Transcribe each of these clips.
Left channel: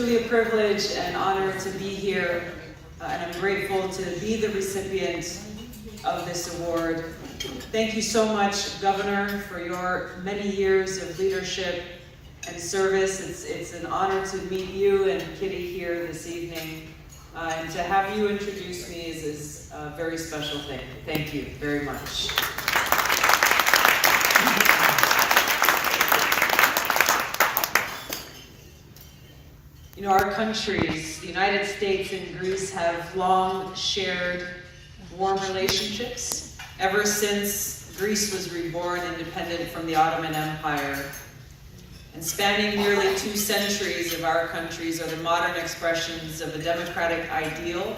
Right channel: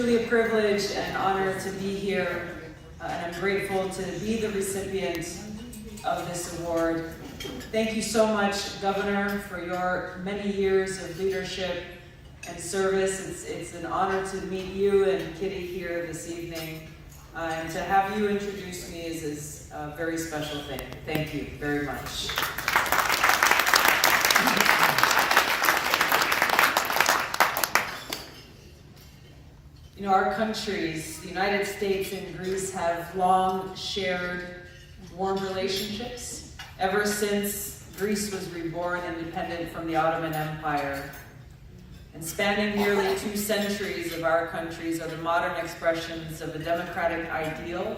truly a privilege and an honor to be here, and I'm grateful to be the recipient of this award. Thank you so much, Governor, for your many years of leadership and service. It's an honor to meet you and Kitty here this evening, and to have you introduce me is a very special thing. Thank you very much. You know, our countries, the United States and Greece, have long shared warm relationships ever since Greece was reborn independent from the Ottoman Empire. And spanning nearly 2 centuries of our countries are the modern expressions of a democratic ideal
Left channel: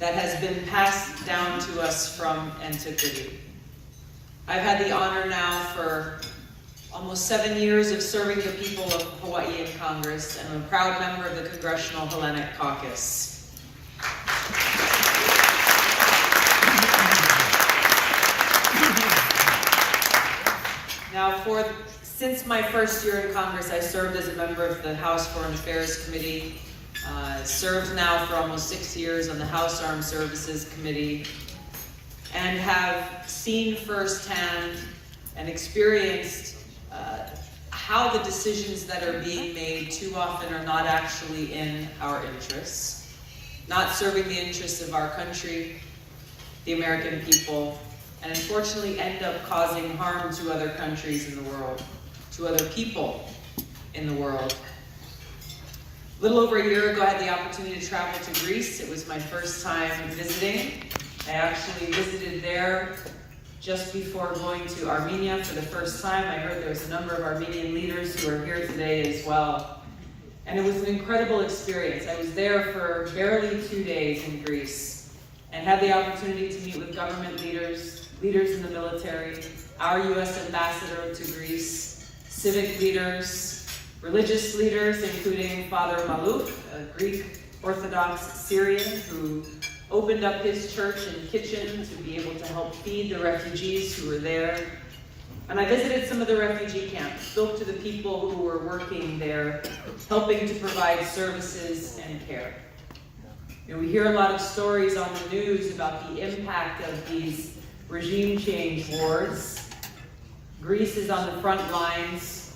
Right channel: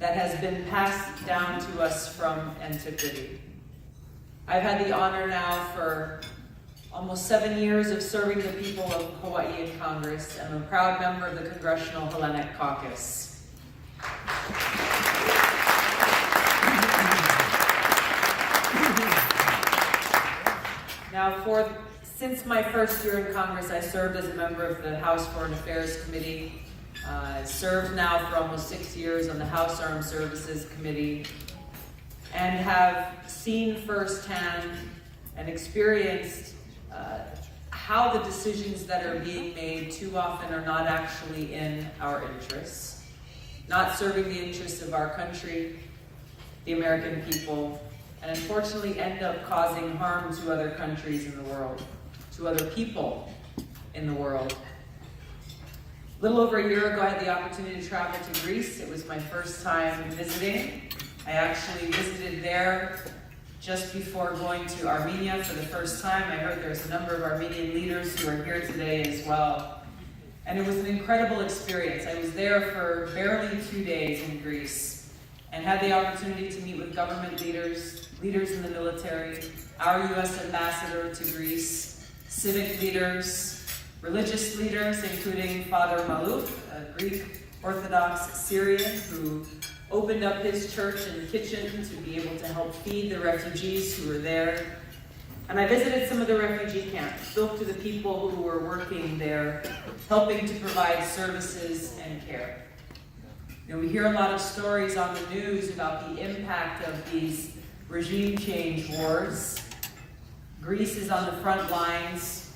that has been passed down to us from antiquity. I've had the honor now for almost 7 years of serving the people of Hawaii in Congress, and I'm a proud member of the Congressional Hellenic Caucus. Now, since my first year in Congress, I served as a member of the House Foreign Affairs Committee, served now for almost 6 years on the House Armed Services Committee, and have seen firsthand and experienced how the decisions that are being made too often are not actually in our interests, not serving the interests of our country, the American people, and unfortunately end up causing harm to other countries in the world, to other people in the world. A little over a year ago, I had the opportunity to travel to Greece. It was my first time visiting. I actually visited there just before going to Armenia for the first time. I heard there's a number of Armenian leaders who are here today as well. And it was an incredible experience. I was there for barely 2 days in Greece and had the opportunity to meet with government leaders, leaders in the military, our U.S. ambassador to Greece, civic leaders, religious leaders, including Father Maluk, a Greek Orthodox Syrian who opened up his church and kitchen to be able to help feed the refugees who were there. And I visited some of the refugee camps, spoke to the people who were working there, helping to provide services and care. You know, we hear a lot of stories on the news about the impact of these regime change wars. Greece is on the front lines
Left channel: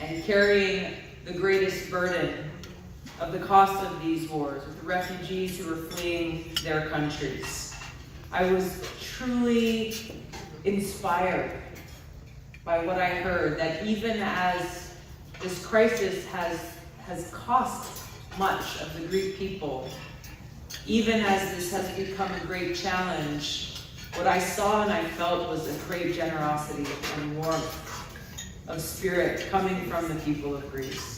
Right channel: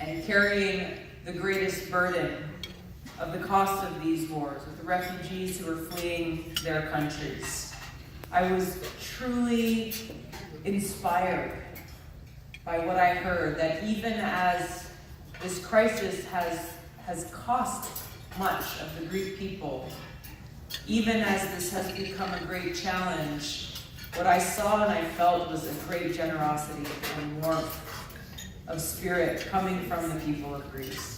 and carrying the greatest burden of the cost of these wars, with the refugees who are fleeing their countries. I was truly inspired by what I heard, that even as this crisis has cost much of the Greek people, even as this has become a great challenge, what I saw and I felt was a great generosity and warmth of spirit coming from the people of Greece.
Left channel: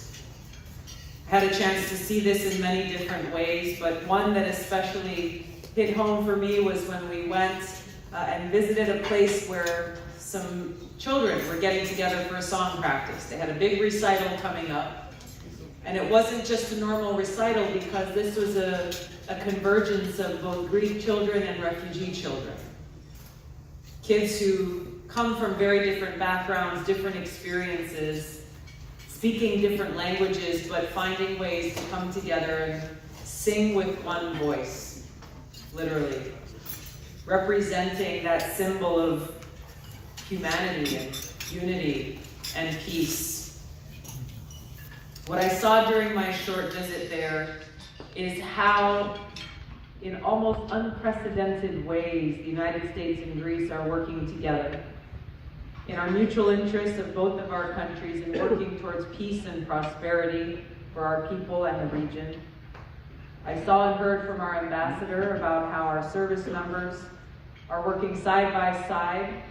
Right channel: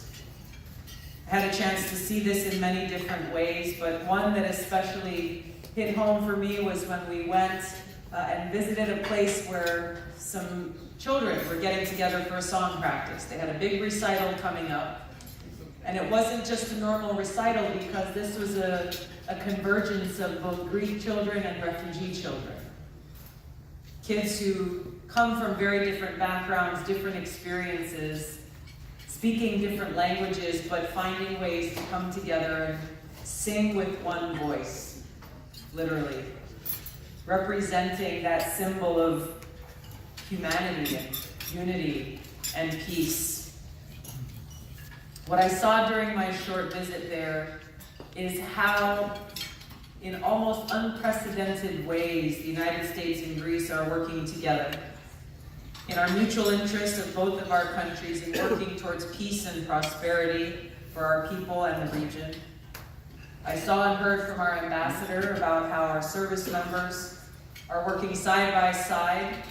I had a chance to see this in many different ways, but one that especially hit home for me was when we went and visited a place where some children were getting together for a song practice. They had a big recital coming up, and it wasn't just a normal recital because this was a convergence of both Greek children and refugee children. Kids who come from very different backgrounds, different experiences, speaking different languages, but finding ways to come together and sing with one voice, literally, representing that symbol of humanity and unity and peace. What I saw during my short visit there is how, in almost unprecedented ways, the United States and Greece are working together in our mutual interest of both of our countries in working towards peace and prosperity for our people and the region. I saw and heard from our ambassador about how our service members are working side by side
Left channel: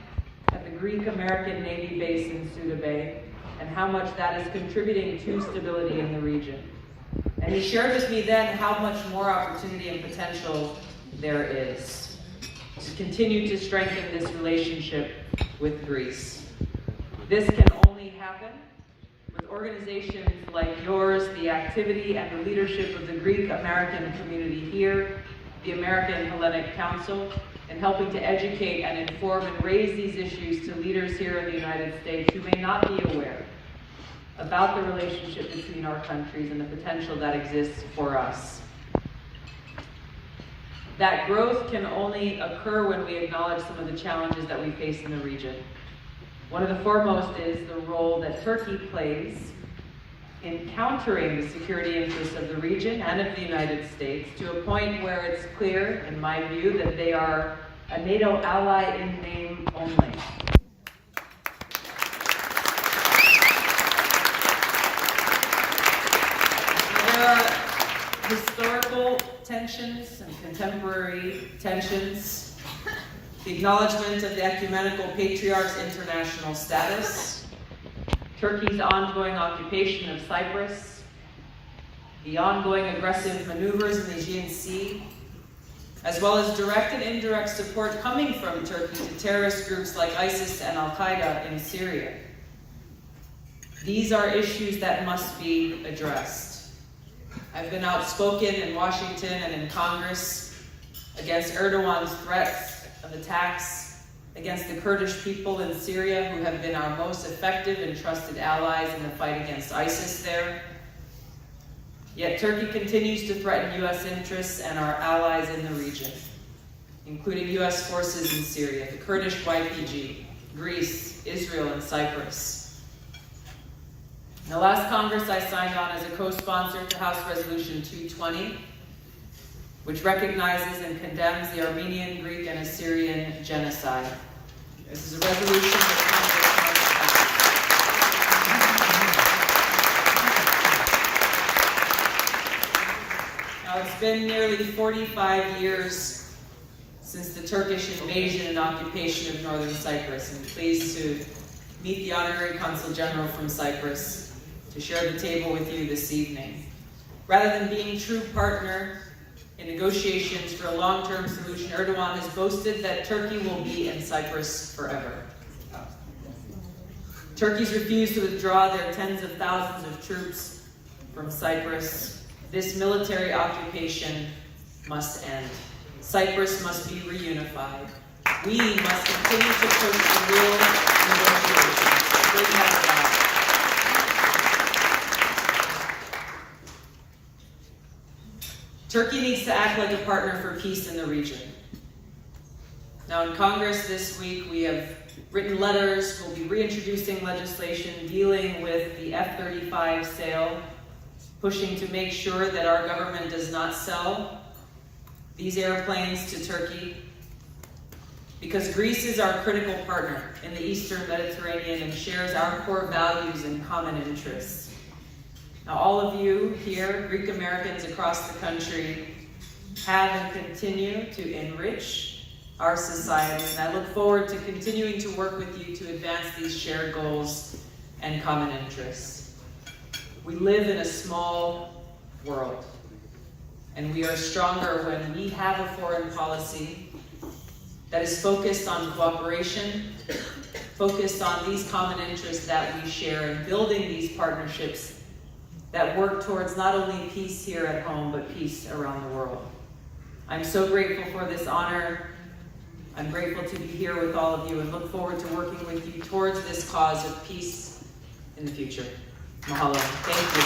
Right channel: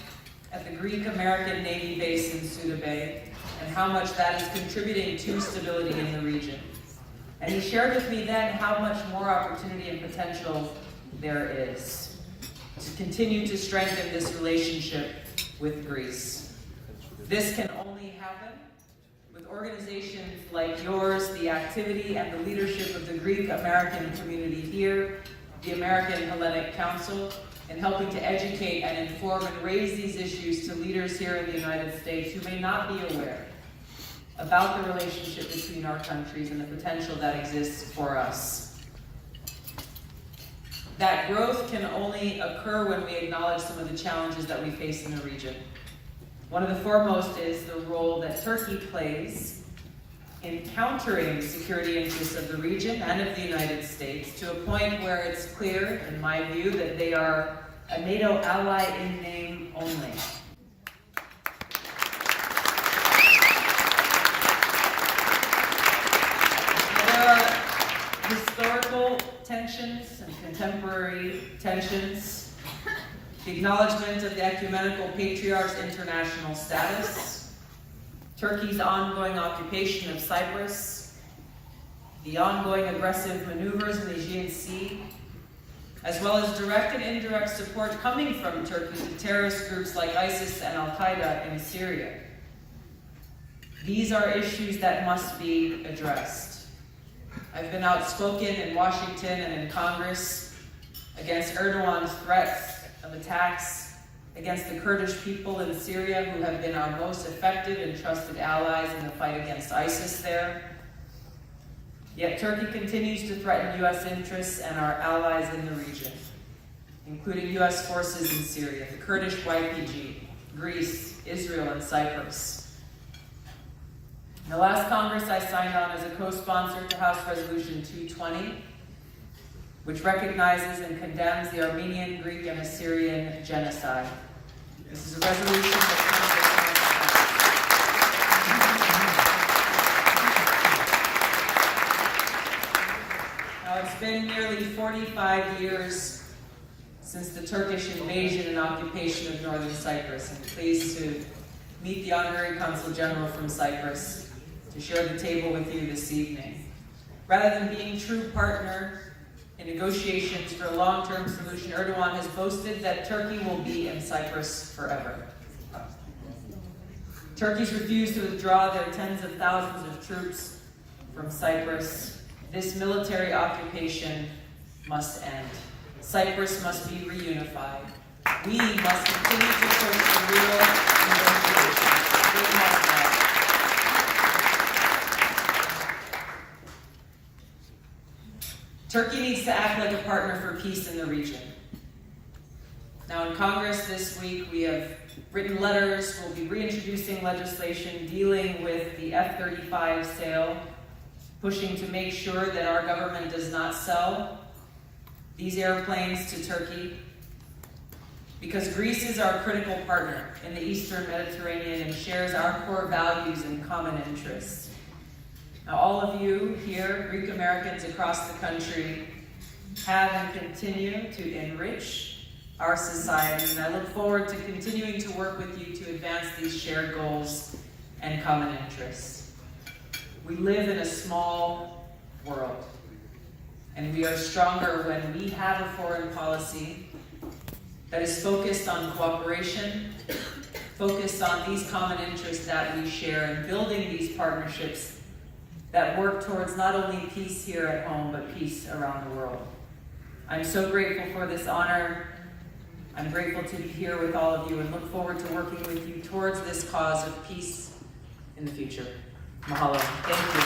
at the Greek-American Navy base in Suda Bay, and how much that is contributing to stability in the region. And he shared with me then how much more opportunity and potential there is to continue to strengthen this relationship with Greece. This can only happen with organizations like yours, the activity and the leadership of the Greek-American community here, the American Hellenic Council, and helping to educate and inform and raise these issues to leaders here in the United States who may not be aware about the relationship between our countries and the potential that exists for us. That growth can only occur when we acknowledge some of the challenges that we face in the region. One of the foremost is the role that Turkey plays in countering the security interests of the region and of the United States to a point where it's clear, in my view, that they are a NATO ally in name only. There are historical tensions and contemporary tensions, the acknowledgement of the ecumenical patriarch's international status, Turkey's ongoing occupation of Cyprus, the ongoing aggressive maneuvers in the Aegean Sea, as well as direct and indirect support coming from Turkey to terrorist groups like ISIS and Al-Qaeda in Syria. These are issues that must be addressed. I've been outspoken in Washington and in Congress against Erdogan's threats of attacks against the Kurdish people in Syria, who have been our most effective and trusted allies in the fight against ISIS there. Yet Turkey continues to threaten U.S. interests and our allies in the region, including U.S. forces in Syria, the Kurdish YPG, Greece, Israel, and Cyprus. In the last Congress, I signed on as a co-sponsor to House Resolution 220, which recognizes and condemns the Armenian, Greek, and Assyrian genocide. This is a resolution that it's been nearly 45 years since the Turkish invasion and occupation of northern Cyprus. I'm pleased to meet the Honorary Consul General from Cyprus to share the table with you this evening. Rather than being true partner in negotiations for a long-term solution, Erdogan has boasted that Turkey will be in Cyprus forever. Turkey's refused to withdraw their tens of thousands of troops from Cyprus. This military occupation must end. Cyprus must be reunified. We must continue to push for real negotiations. Bring that about. Turkey needs to act like a partner for peace in the region. Now in Congress this week, we have written letters. We'll be reintroducing legislation dealing with the F-35 sale, pushing to make sure that our government does not sell these airplanes to Turkey, because Greece is our critical partner in the Eastern Mediterranean and shares our core values and common interests. Now, all of you here, Greek Americans across the country, have and continue to enrich our society, and I look forward to continuing to work with you to advance these shared goals and common interests. We live in a small world, and we are stronger when we have a foreign policy that is focused on cooperation, focused on these common interests that we share, and building these partnerships that work towards not only peace here at home, but peace around the world. I'm so grateful for this honor. I'm grateful to be here with all of you and look forward to working with you towards this cause of peace in the future. Mahalo. Thank you.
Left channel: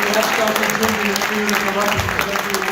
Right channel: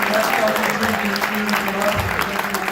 We have to continue to